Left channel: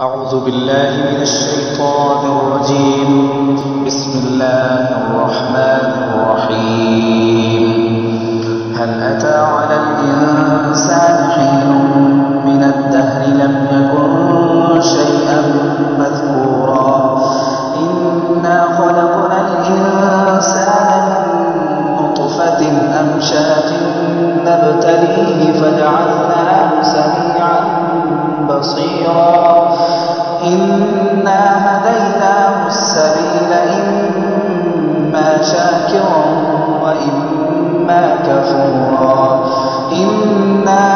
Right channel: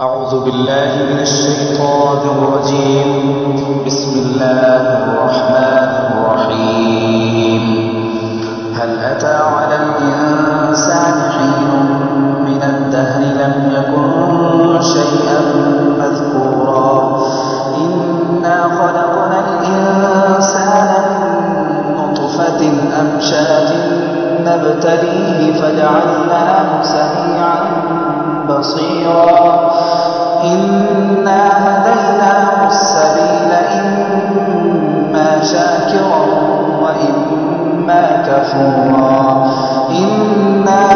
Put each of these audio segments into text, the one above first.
أعوذ بالله من الشيطان الرجيم. بسم الله الرحمن الرحيم. هل أتى على الإنسان حين من الدهر لم يكن شيئا مذكورا إنا خلقنا الإنسان من نطفة أمشاج نبتليه فجعلناه سميعا بصيرا إنا هديناه السبيل إما شاكرا وإما كفورا إنا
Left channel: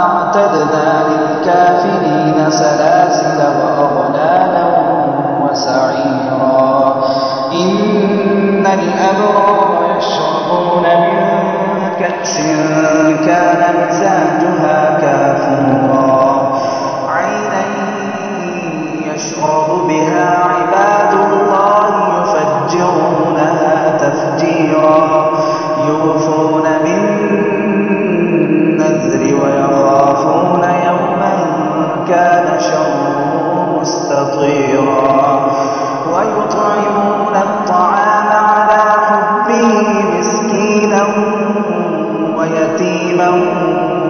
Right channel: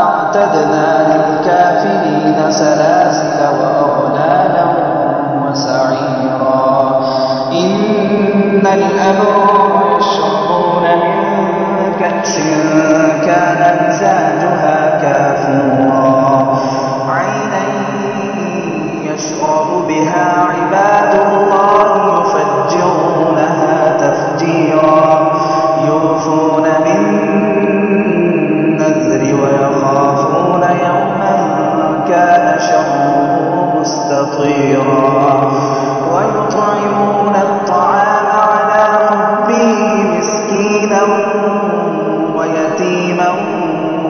أعتدنا للكافرين سلاسل وأغلالا وسعيرا إن الأبرار يشربون من كأس كان مزاجها كافورا عينا يشرب بها عباد الله يفجرونها تفجيرا يوفون بالنذر ويخافون يوما كان شره مستطيرا ويطعمون الطعام على حبه مسكينا ويتيما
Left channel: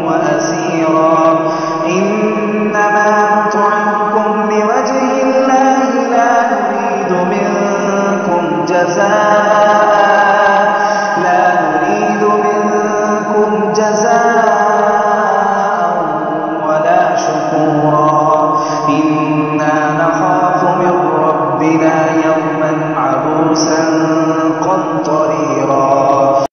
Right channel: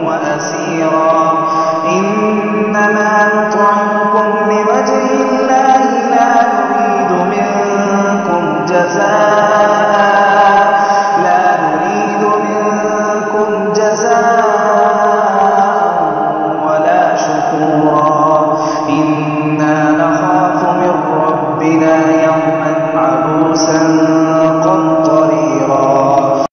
وأسيرا إنما نطعمكم لوجه الله لا نريد منكم جزاء ولا شكورا إنا نخاف من ربنا يوما عبوسا